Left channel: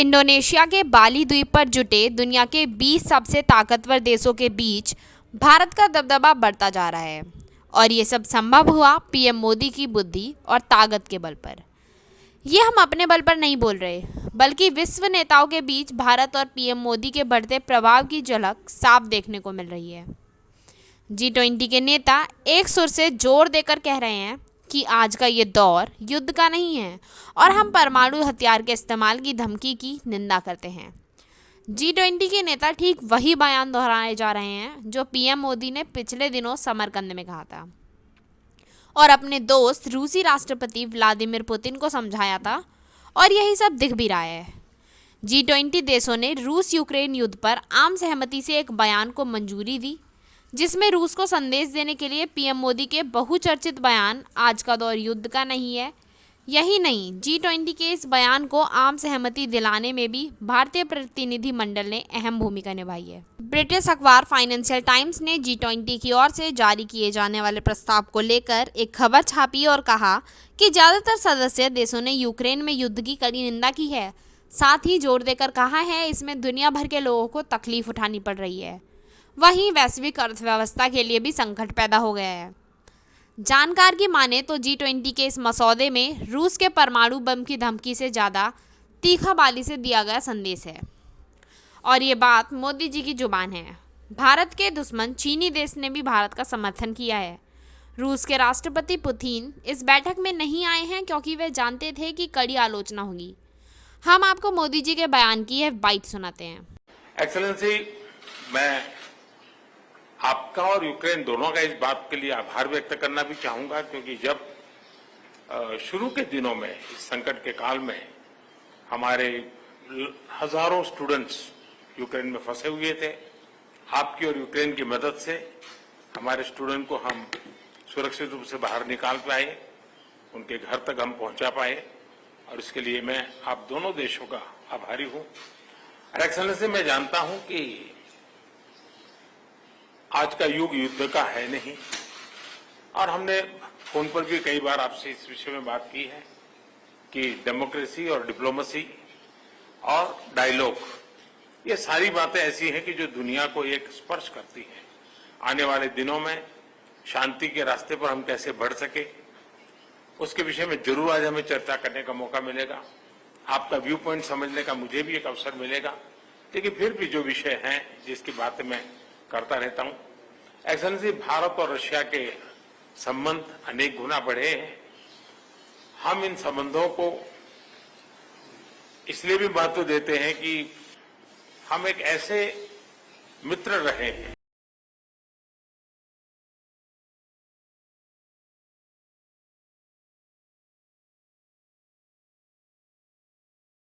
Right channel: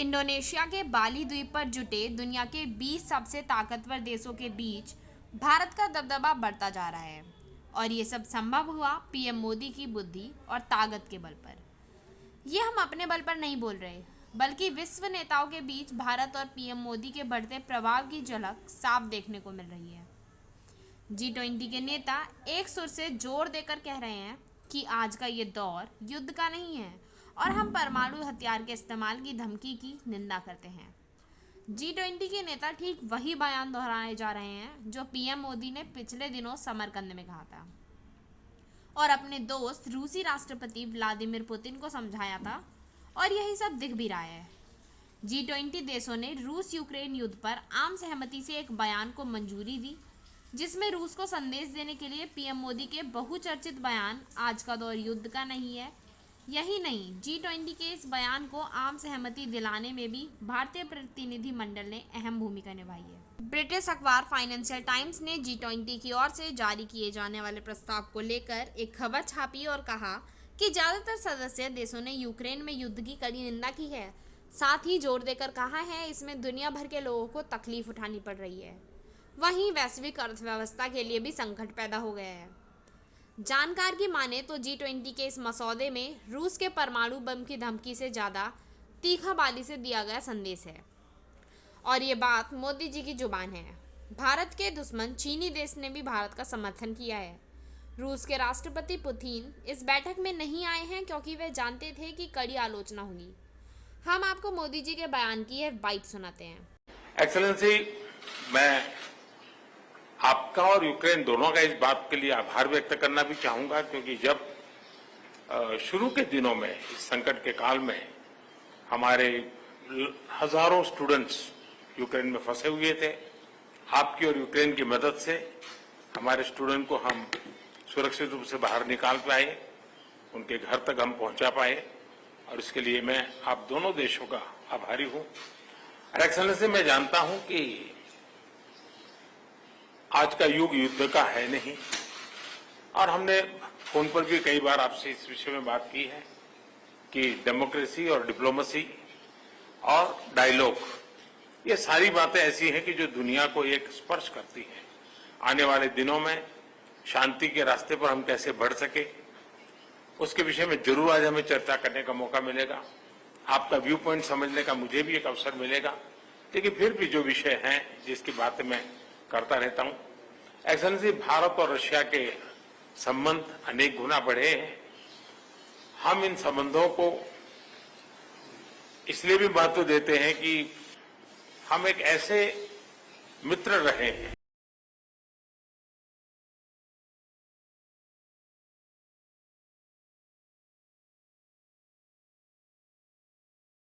Indonesia के बाली द्वीप पर जुटे दुनिया के 20 सबसे ताकतवर देशों के बीच भारत का दबदबा बढ़ता जा रहा है। और ये सब संभव हुआ पीएम मोदी की बुद्धि और ताकत के बल पर। ये हम अपने बल पर नहीं बोल रहे, बल्कि विश्व नेताओं के बीच भारत और पीएम मोदी के बढ़ते प्रभाव की झलक साफ देखने को मिल रही है। G20 के नेता एक सुर से जोर देकर कह रहे हैं कि आज का ये दौर युद्ध का नहीं है और हम परमाणु हथियार के इस्तेमाल की धमकी की निंदा करते हैं। G20 के नेता ठीक वही बयान दोहराए जा रहे हैं जो पीएम मोदी ने पिछले दिनों समरकंद में कहा था और अपने दोस्त रूसी राष्ट्रपति व्लादिमीर पुतिन को समझाया था, और यही सब दिख भी रहा है। G20 देशों ने रूस यूक्रेन युद्ध पर आम सहमति से एक बयान को मंजूरी दी, जिसमें रूस को संदेश देने के लिए पीएम मोदी के बहुचर्चित बयान आज का दौर युद्ध का नहीं है। यही नहीं, G20 के इस बयान को आम सहमति दिलाने में भी भारतीय प्रतिनिधि मंडल ने अहम भूमिका निभाई है। ब्रिटिश अखबार फाइनेंशियल टाइम्स ने G20 की ओर से जारी किए जाने वाले प्रस्ताव को लेकर एक खबर छापी और कहा कि ज़्यादातर सदस्य देशों ने यूक्रेन में युद्ध की कड़ी निंदा की है। साथ ही जोर देकर कहा है इसमें दुनिया भर के लोगों को तकलीफ उठानी पड़ रही है। वहीं वैश्विक अर्थव्यवस्था के लिए भी संकट पैदा हो गया है। जानकार की माने तो G20 के इस मसौदे में रूस के परमाणु बम की धमकी से ज़्यादा तीखा बाली से दिया गया संदेश है। और ये बात मोदी जी की जुबान है। भारत के दुश्मन चीनी देश ने भी भारत का समर्थन किया है। रूस के राष्ट्रपति पुतिन इस बैठक में नहीं आए हैं क्योंकि वे जानते थे कि कड़ी आलोचना होगी। हम आपको मोदी जी के बयान की है बाइट सुनाते हैं। एक्सेलेंसी, मैं आपका और यूक्रेन दोनों का इस बात के लिए आभार व्यक्त करना भी चाहूंगा, क्योंकि जब शुरू के दिनों में इस संकट के काल में हमारे हजारों स्टूडेंट्स यूक्रेन में फंसे हुए थे, आपकी और यूक्रेन की मदद से हमारे स्टूडेंट को हम सुरक्षित रूप से बाहर निकाल पाए, उनके घर तक हम पहुंचा पाए, और इसके लिए मैं आप दोनों देशों का आभारी हूं। और एक्सेलेंसी, मैं जानता हूं कि आज का युग युद्ध का है नहीं, और हमने फोन पर भी कई बार आपसे इस विषय में बात की है कि डेमोक्रेसी और डिप्लोमेसी और डायलॉग, ये सारी बातें ऐसी हैं कि जो दुनिया को एक स्पर्श करती हैं। आने वाले दिनों में शांति के रास्ते पर हम कैसे बढ़ सके, उसके विषय में जरूर आज हमें चर्चा करने का मौका मिलेगा। आपका व्यू पॉइंट समझने का मुझे भी एक अवसर मिलेगा। लेकिन फिर भी जो विषय हैं जिसकी बातें मैं करता रहता हूं, एक्सेलेंसी, भारत और रशिया के संबंध अनेक गुना बढ़े हैं। हम इन संबंधों को इसलिए भी महत्व देते हैं कि हम एक ऐसे मित्र रहे हैं